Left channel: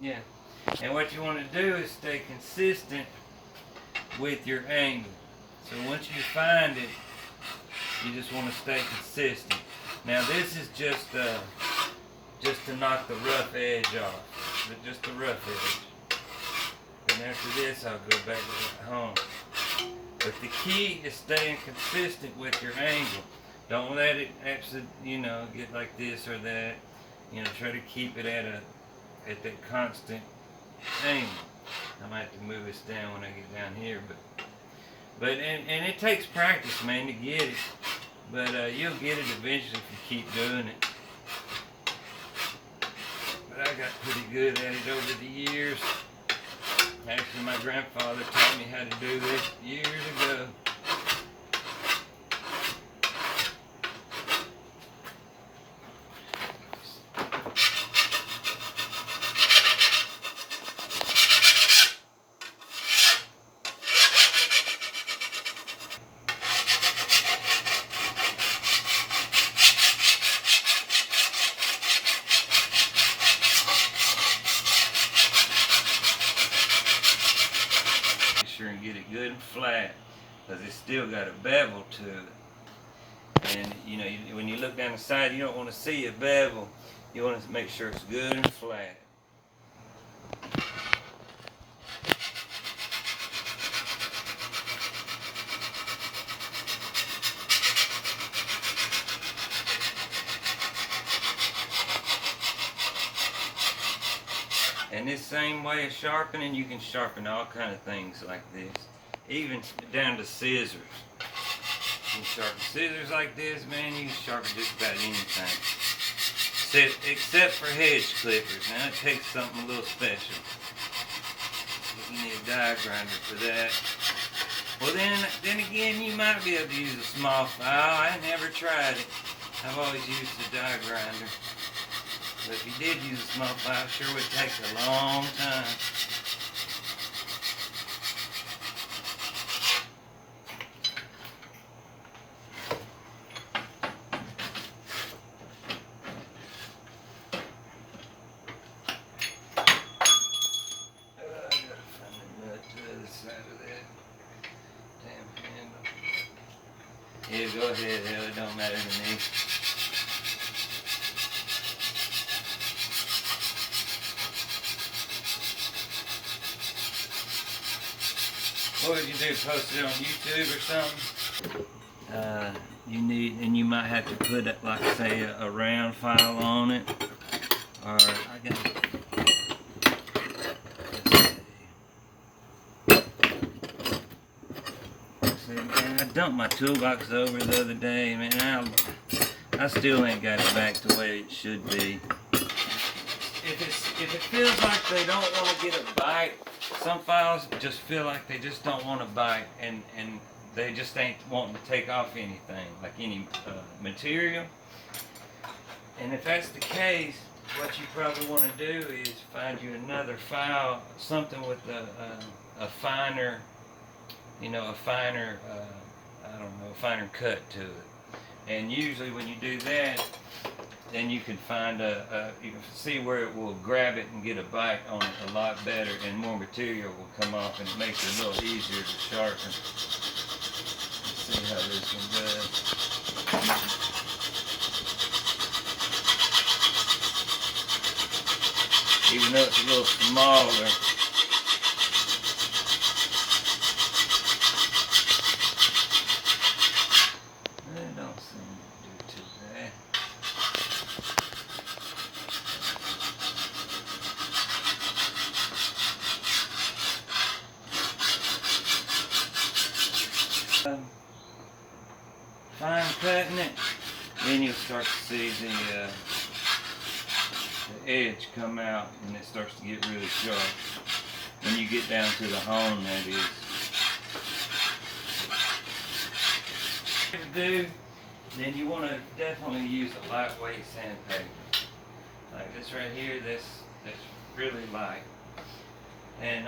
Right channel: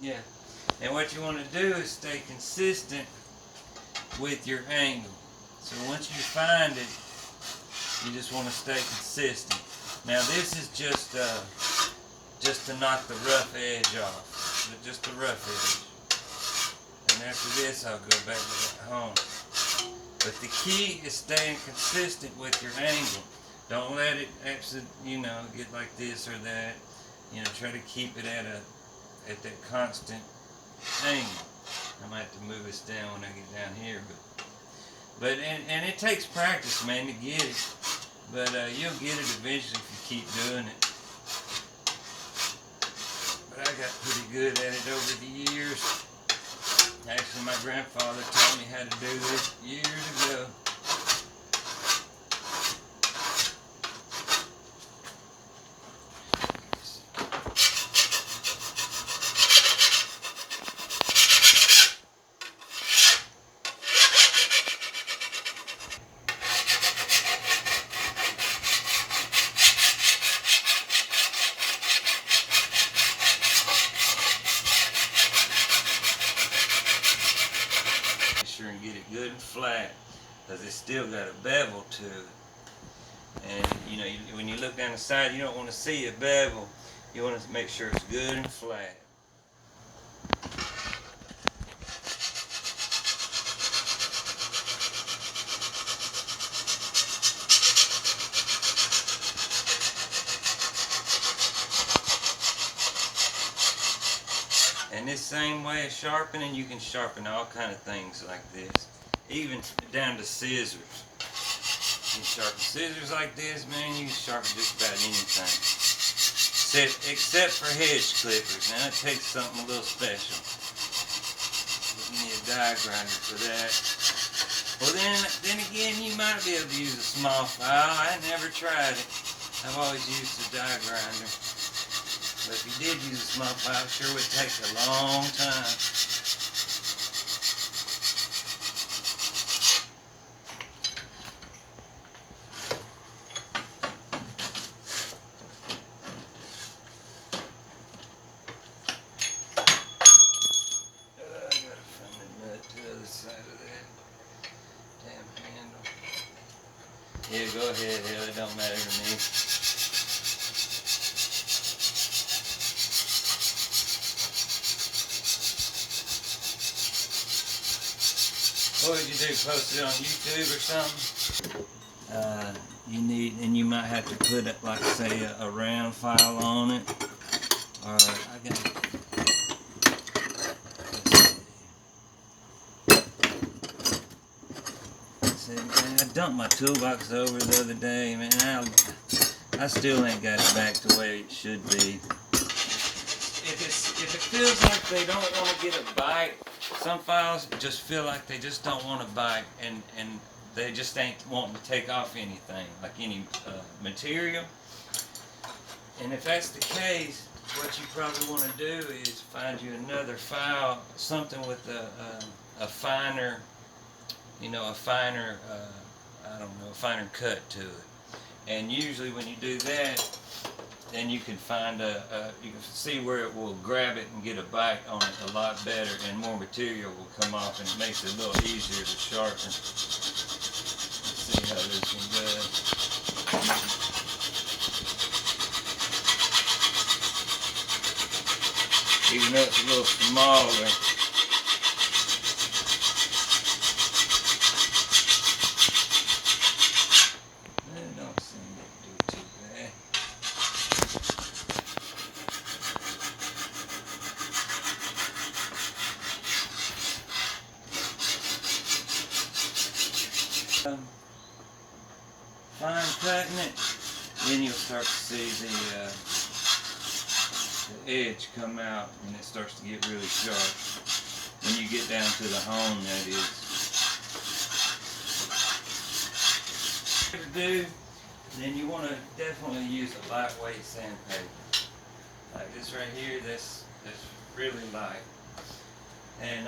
Yeah. And what you want to do is stay consistent with your angle. So once you find it, you just want to stay consistent. Now this is just to knock the rough edge off, just the rough edge. And after this, I'll go back to home. But the key is staying consistent with your angle. Don't let it actually, get like this or that. Try to keep it at that constant angle. I might have to move this down when I get down here, but it takes practice, man, to get it. But you'll get it eventually if you keep doing it. But I got pretty good at it over the years. Actually, my grandfather taught me how to do this years ago. And get it good and flat, because it's still got a bevel to it. And when you look down the side, you don't want to see a bevel. You want to make sure it's good and flat. And this same way of sharpening, you can sharpen all kind of things like this, even down to scissors. You can sharpen scissors like this, man. You can sharpen just about anything, except for hedge clippers. Now it takes something a little special. You need a die grinder for that. Well, then again, you might be able to use a small file. I never tried it. I've always used a die grinder. But if you did use a small file, it sure would take a long time. I gotta find the nut to the other side of that damn handle. Yeah, go ahead, hell, it don't matter to me. What would you do, post it on YouTube or something? You might have to put it, like say, a round file on it. Or I got, let's see, man, I dumped my toolbox over the other day, man. I still ain't got it back to the way it should be. If it feels like they don't want to get a bite, some files just feel like they just don't want to bite, and they just ain't wanting to take off anything, like any material. And if that's the case, what you probably want to do is find you another file, something with a finer, a finer, a finer cut to it. And usually when you do that, then you can find you can see where it will grab it and get a bite on it a lot better, and more material will come off, and it makes it a little easier to sharpen. Let's see how this one does. Even though it's a little smaller, it don't seem to do too bad. Fine cutting it, then you'll start to see the edge come out, and it starts to get really sharp. When you get down to the hone, that is. If you do, then you want to definitely use a lightweight sandpaper. Like this right here, that's really light. And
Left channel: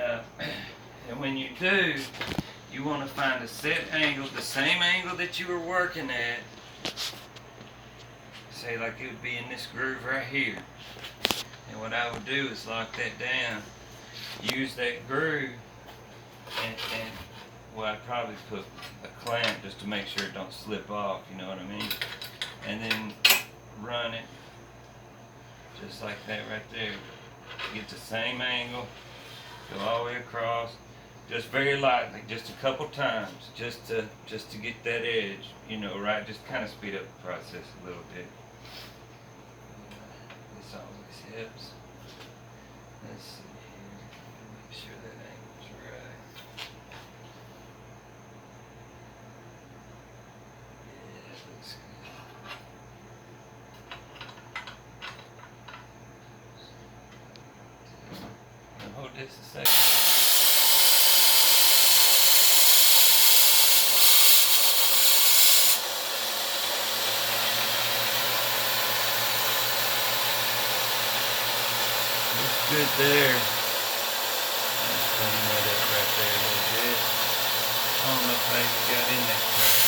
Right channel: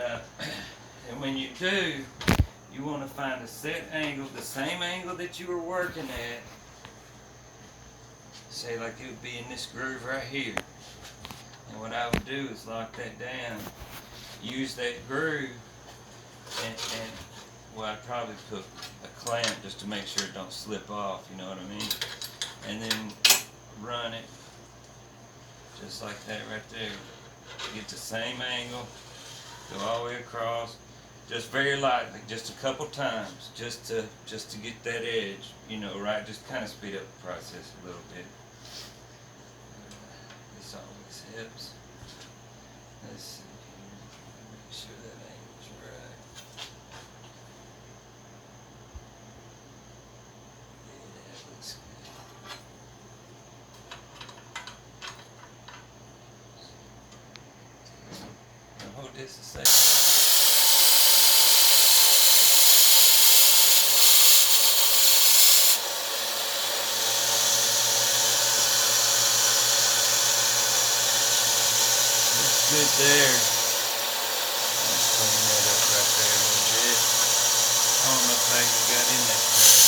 when you do, you want to find a set angle, the same angle that you were working at. Say like it would be in this groove right here. And what I would do is lock that down, use that groove, and well, I'd probably put a clamp just to make sure it don't slip off, you know what I mean? And then run it just like that right there. Get the same angle, go all the way across, just very lightly, just a couple times, just to get that edge, you know, right? Just kind of speed up the process a little bit. This always helps. Let's see here, make sure that angle's right. Yeah, that looks good. Now hold this a second. Good there. Let's clean that up right there a little bit. I don't know how you got in that curve.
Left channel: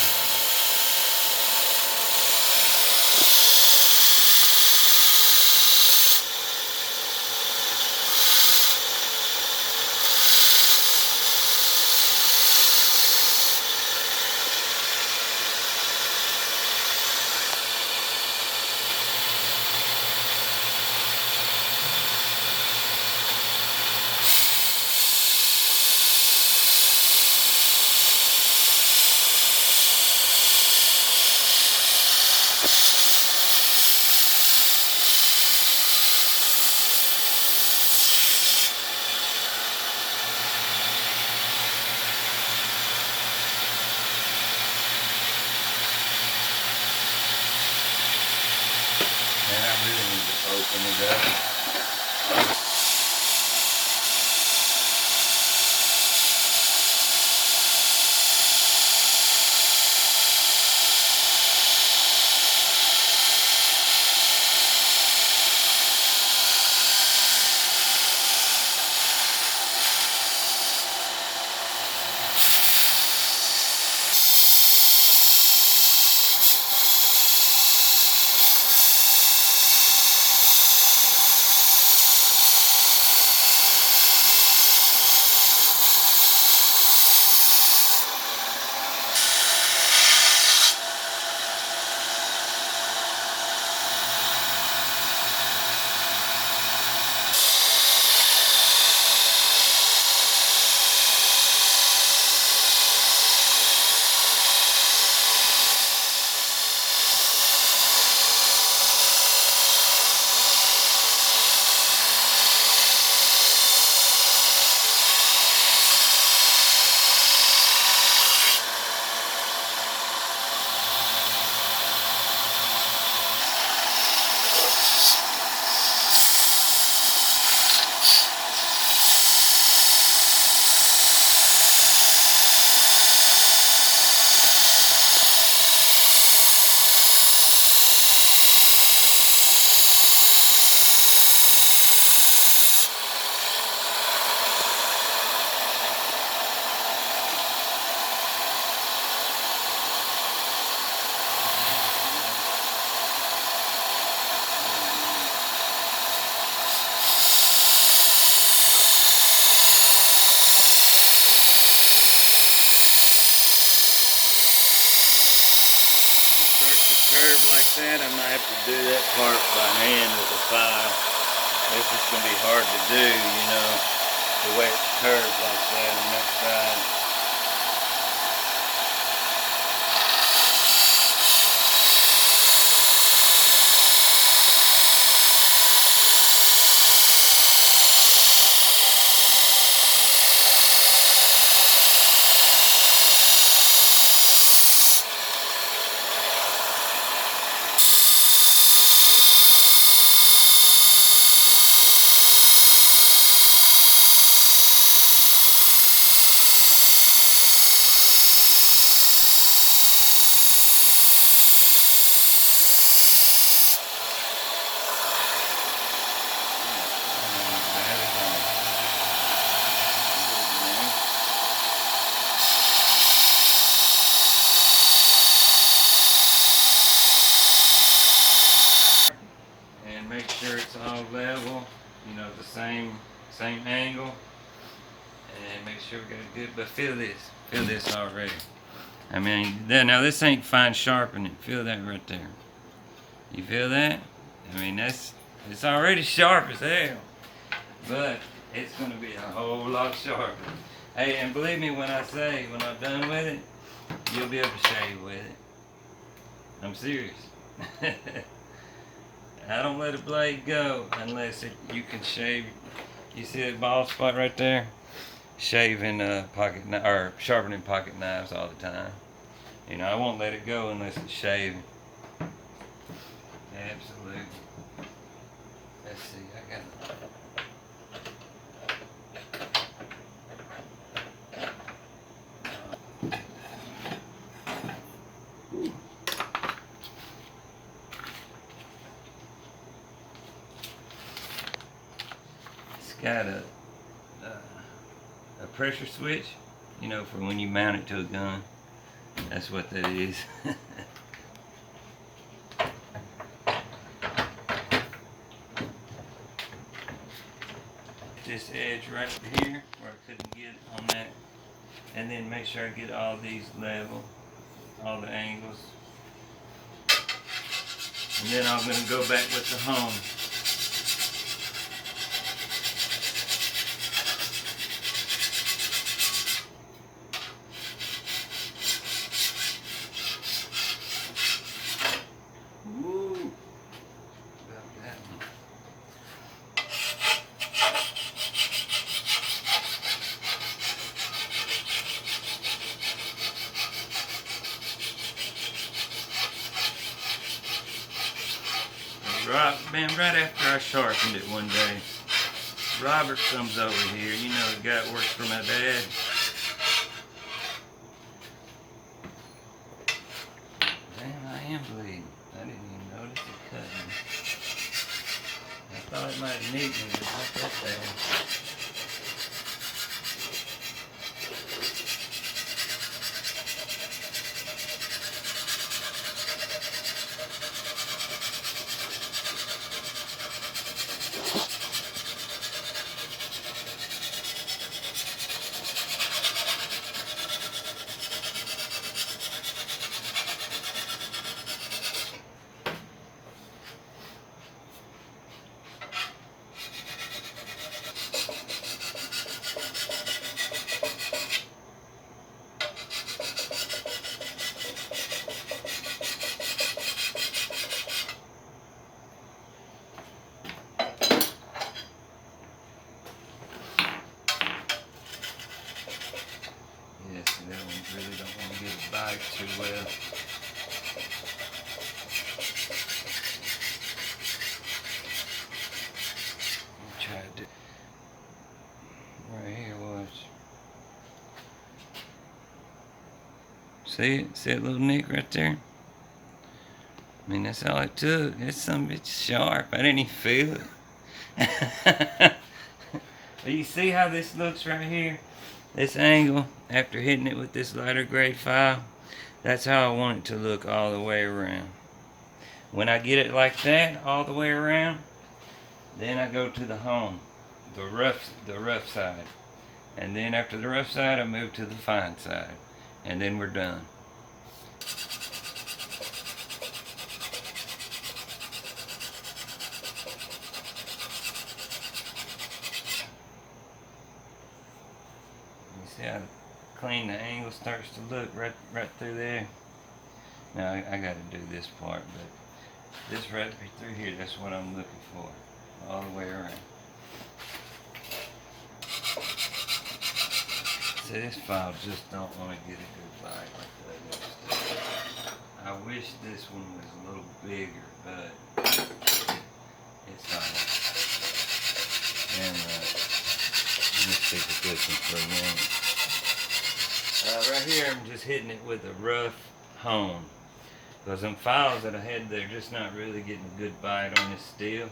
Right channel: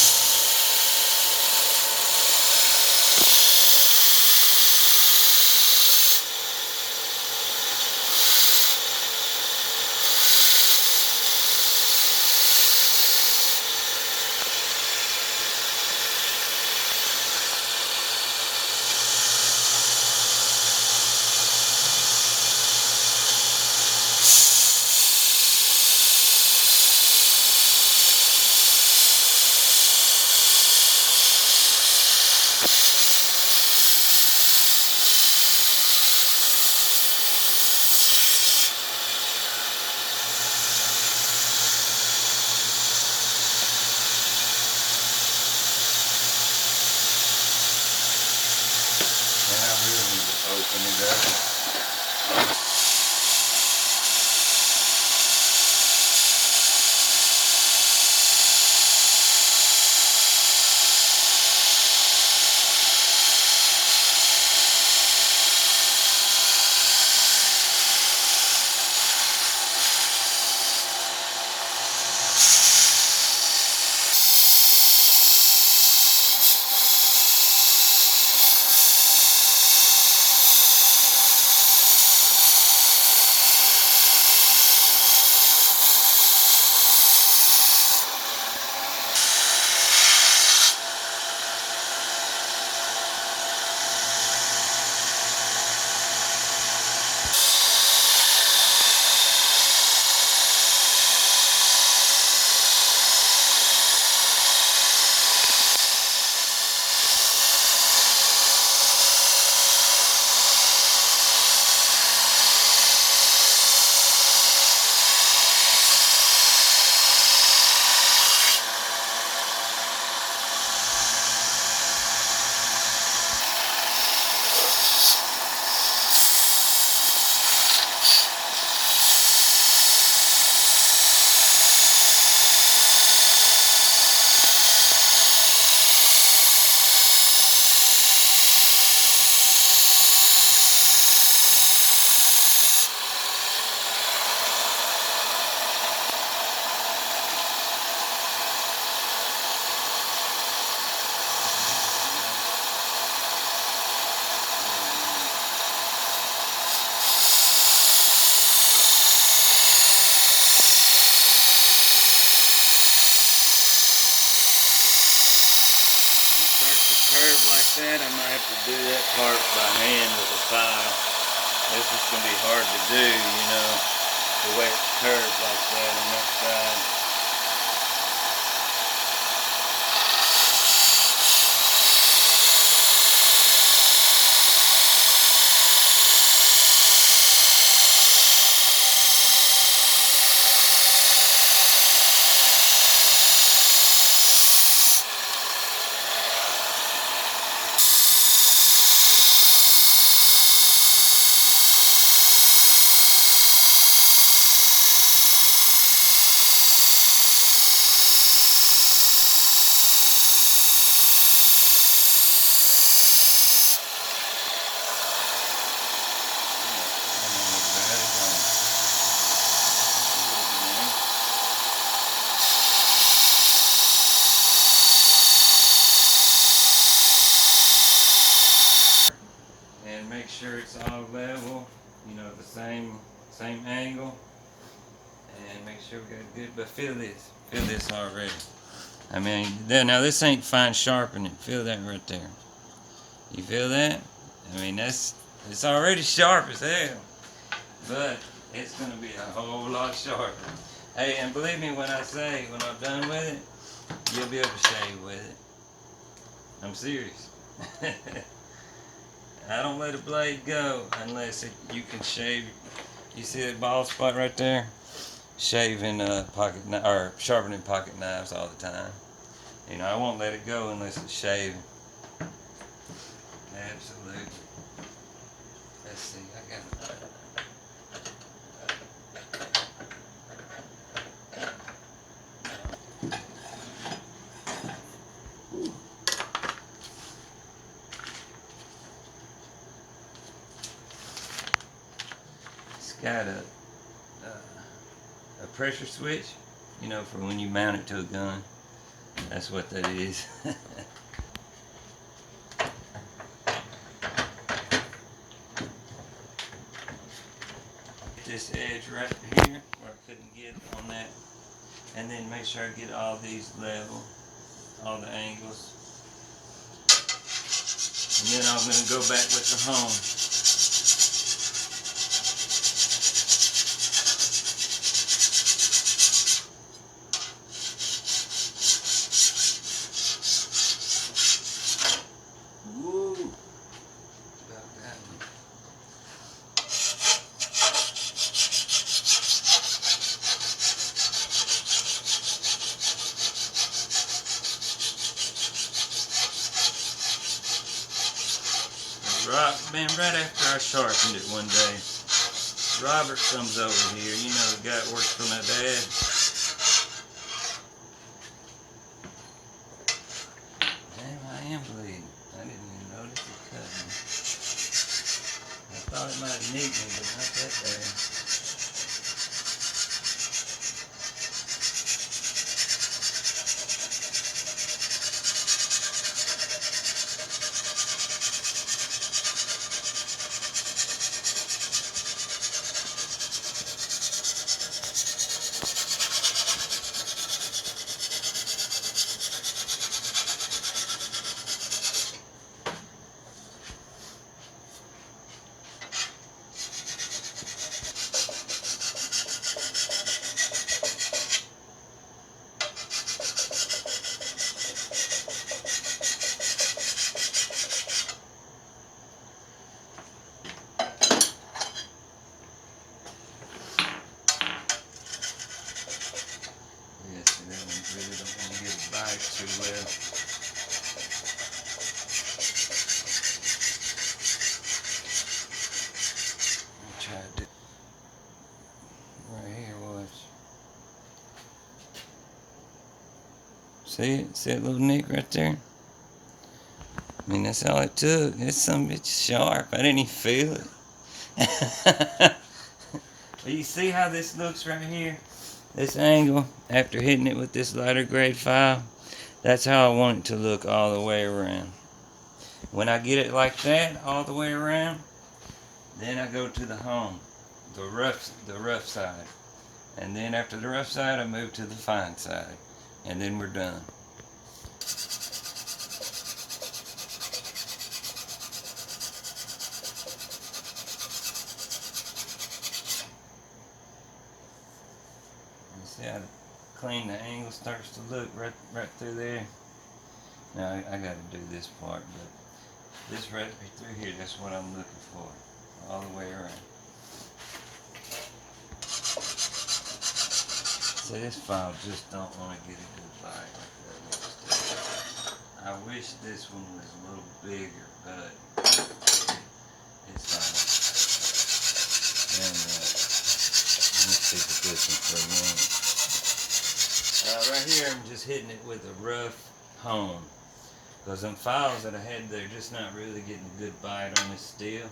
Now I really need to open it up. Curve like that, I might have to do that part by hand with a file. That's just going to be hard to do, you know, the way it's curved like that on that side. about the same angle, and make sure we got it good. But feel this already. I mean, now this ain't fine sharpening. Feel that right there. You feel that? I mean, it's already sharp as hell, but it's gonna be a whole lot sharper. Hey, and believe me when I say, when I'm done with it, you'll be able to shave with it. I'm serious. I don't let a blade go unless you can shave. You see that bald spot right there? Shaving or sharpening pocket knives all the time. You know, I won't let it go unless it's shaving. Absolutely. Let's see, I got it's got a pressure switch, you know, for when you mount it to a gun. That's what that is. This edge right here where I couldn't get on that, and then make sure I get all these level, all the angles, and then I'm going to go back with the hone. Man, right after I sharpened it one day, Robert comes over here. You know, the guy that works for my dad. Damn, I am bleeding. I didn't even notice it cut me. I thought it might have nicked me, but not that bad. Really don't want to get it bite too well. Try to do right here was. See it? See that little nick right there? I mean, that's all it took. It's some bitch sharp. I didn't even feel it. But you see how this looks right here? This angle, after hitting it with this lighter grade file, that's how I want it to look all the way around. When I get it like that, all the way around, then I go to the hone, the rough side. And then after the rough side, I move to the fine side. And then we're done. See how clean the angle starts to look right through there. Now I got to do this part, but this right through here, that's what I'm looking for, all the way around. See, this file just don't want to get a good bite like that looks good. I wish this one was a little bigger, but it's alright. And let me stick with this one for a minute. Right here, I'm just hitting it with a rough hone. Because them files that I had, they're just not really getting a good bite on this steel.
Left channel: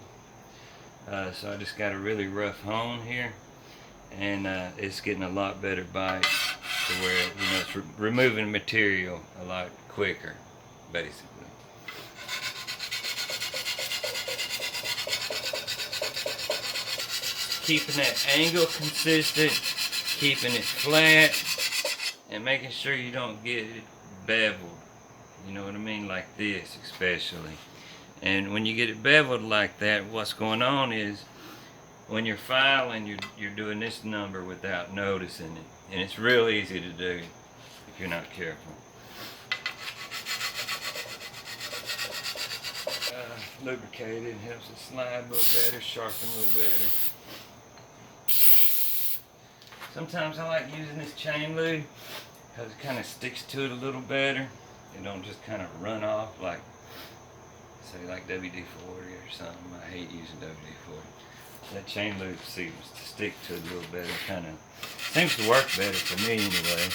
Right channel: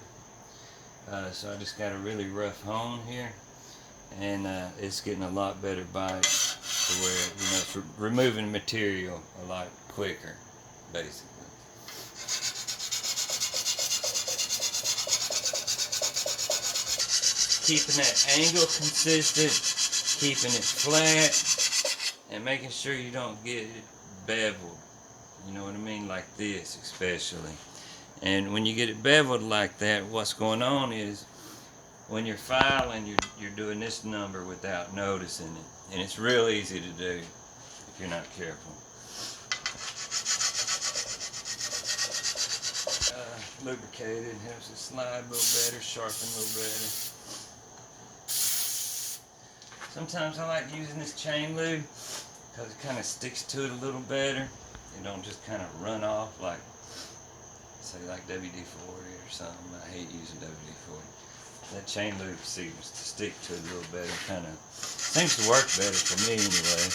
So I just got a really rough hone here. And it's getting a lot better bite to where, you know, it's removing material a lot quicker, basically. just keeping that angle consistent, keeping it flat, and making sure you don't get it beveled. You know what I mean? Like this, especially. And when you get it beveled like that, what's going on is when you're filing, you're doing this number without noticing it. And it's real easy to do if you're not careful. Lubricated helps it slide a little better, sharpen a little better. Sometimes I like using this chain lube because it kind of sticks to it a little better. It don't just kind of run off like, say, like WD-40 or something. I hate using WD-40. That chain lube seems to stick to it a little better. Kind of seems to work better for me anyway.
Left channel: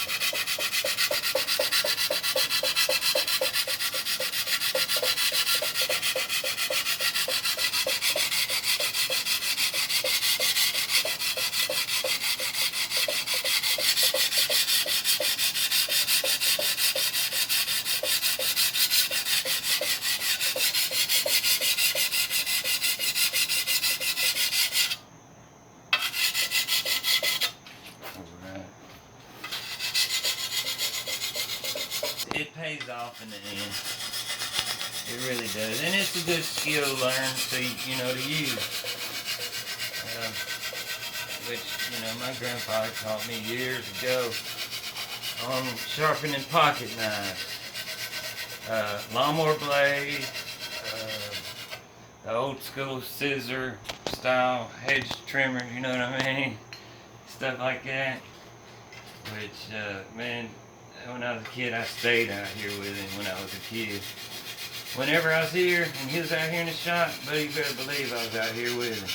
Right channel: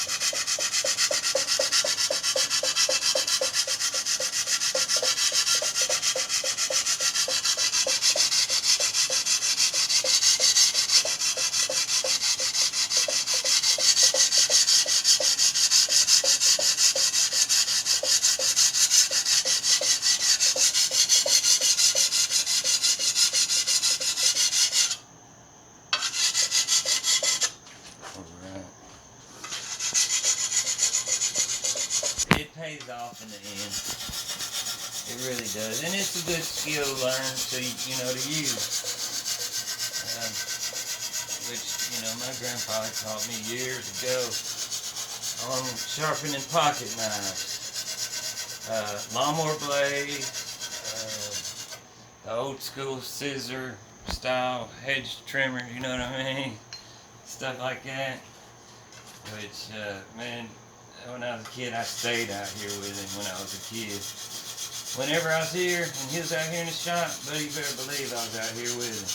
It pays off in the end. It really does. And it's a good skill to learn to, to use. Which, my grandfather taught me years ago on sharpening pocket knives. Lawnmower blades, the old school scissor style hedge trimmer, you know what I mean? Stuff like that. Which, man, when I was a kid, I stayed out here with him when I was a kid. Whenever I was here and he was out here in the shop, but you better believe I was out here with him.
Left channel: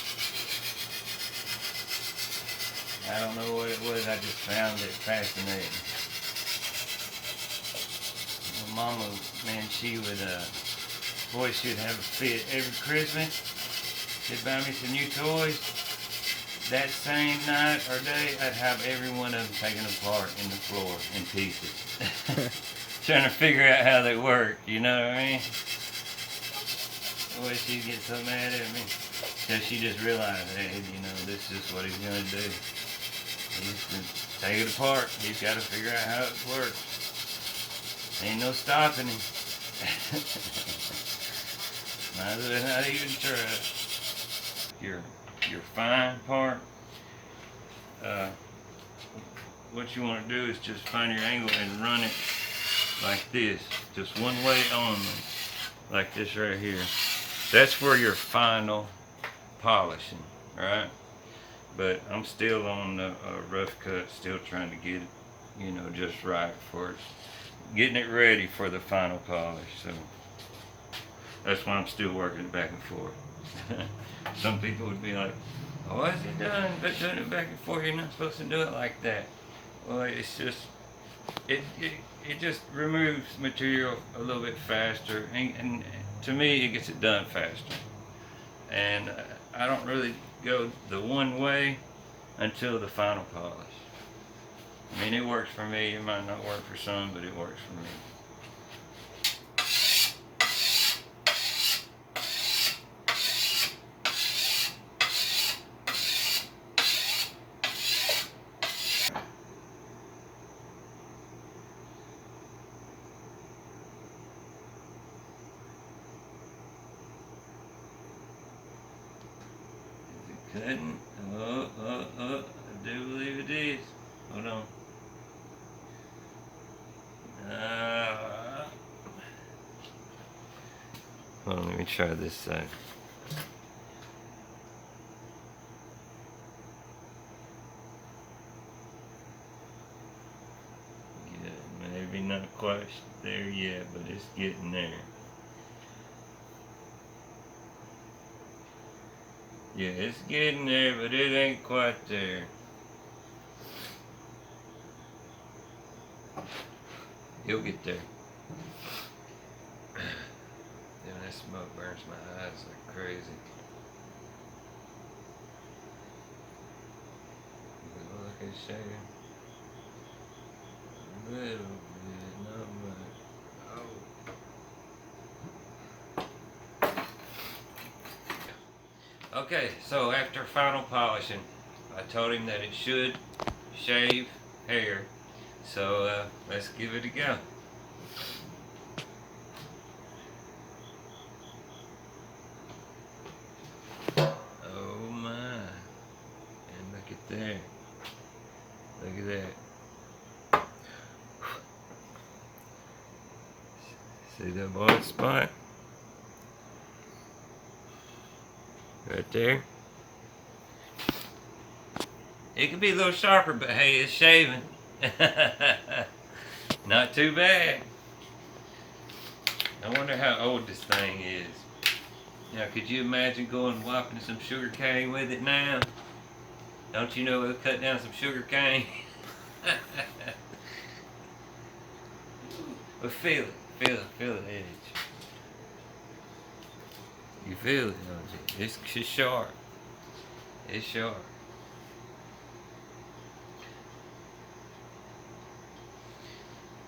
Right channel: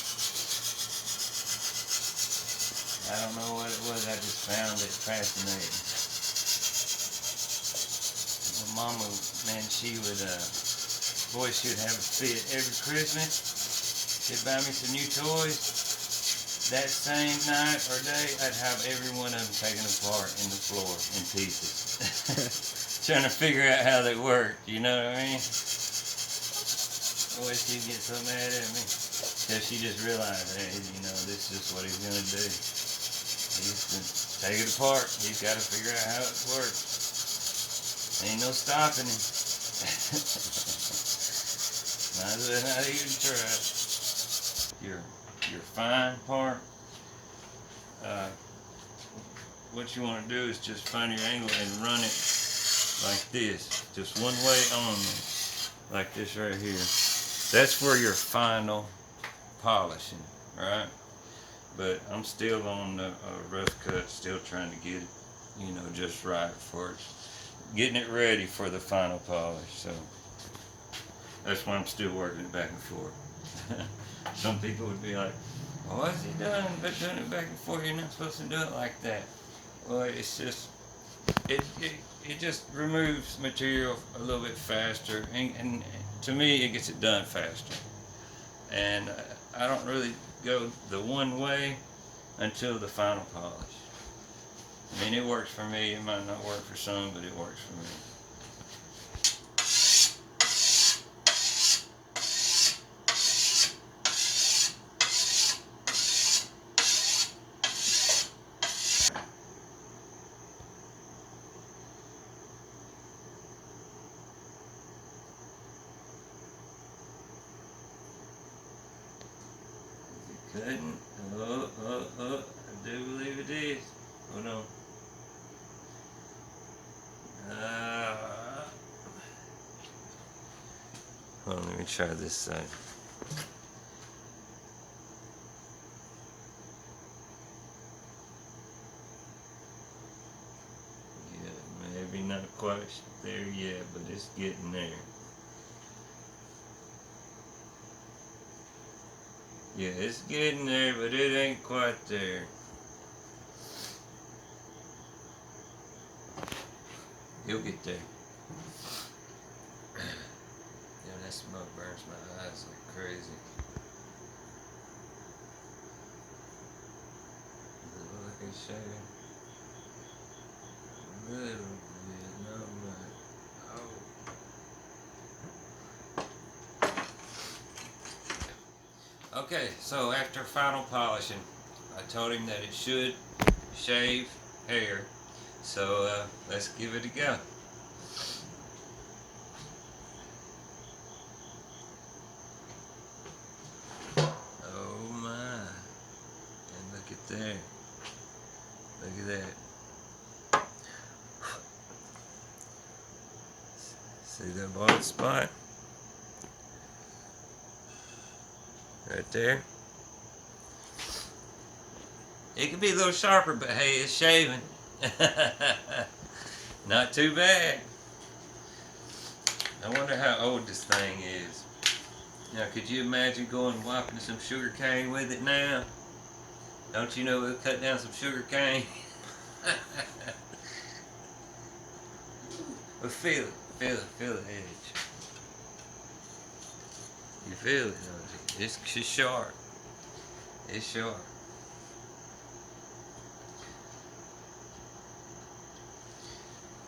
I don't know what it was, I just found it fascinating. My mama, man, she would, boy, she would have a fit every Christmas. She'd buy me some new toys. That same night or day, I'd have every one of them taken apart in the floor in pieces. Trying to figure out how they work, you know what I mean? Boy, she'd get so mad at me. So she just realized, hey, this is what he's going to do. He's going to take it apart. He's got to figure out how it works. Ain't no stopping him. Might as well not even try. Your fine part, what you want to do is just find your angle and run it like this, just one way only, like this right here. That's for your final polishing, right? But I'm still on the rough cut, still trying to get it, just right for it, getting it ready for the final polish. So that's why I'm still working it back and forth. Some people would be like, oh, what's he doing? But doing it back and forth, you're not supposed to do it like that. Well, it's just, it just removes material a little bit faster, and to me, it gets it done faster. And I don't really go the one way until the final polish. I mean, it works for me. It might not work for some, but it works for me. Cutting. Oh, I do believe it is. Hold on. Hold on, let me try this side. Yeah, maybe not quite there yet, but it's getting there. Yeah, it's getting there, but it ain't quite there. You'll get there. Damn, that smoke burns my eyes like crazy. Look at shading. A little bit, not much. Oh. Okay, so after final polishing, I told him that it should shave hair. So let's give it a go. Oh my. And look at there. Look at that. See that bald spot? Right there. It could be a little sharper, but hey, it's shaving. Not too bad. I wonder how old this thing is. Now, could you imagine going and wiping some sugar cane with it now? Don't you know it'll cut down some sugar cane? Well, feel it, feel the edge. You feel it, don't you? It's sharp. It's sharp.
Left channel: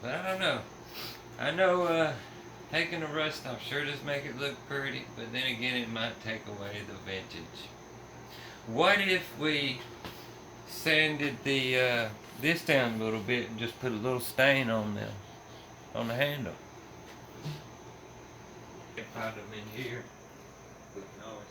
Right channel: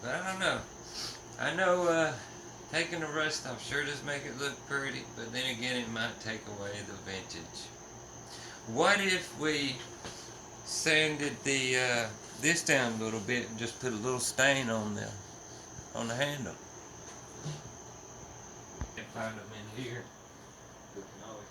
But I don't know. I know taking the rust off sure does make it look pretty, but then again it might take away the vintage. What if we sanded the this down a little bit and just put a little stain on the handle? Can't find them in here. We can always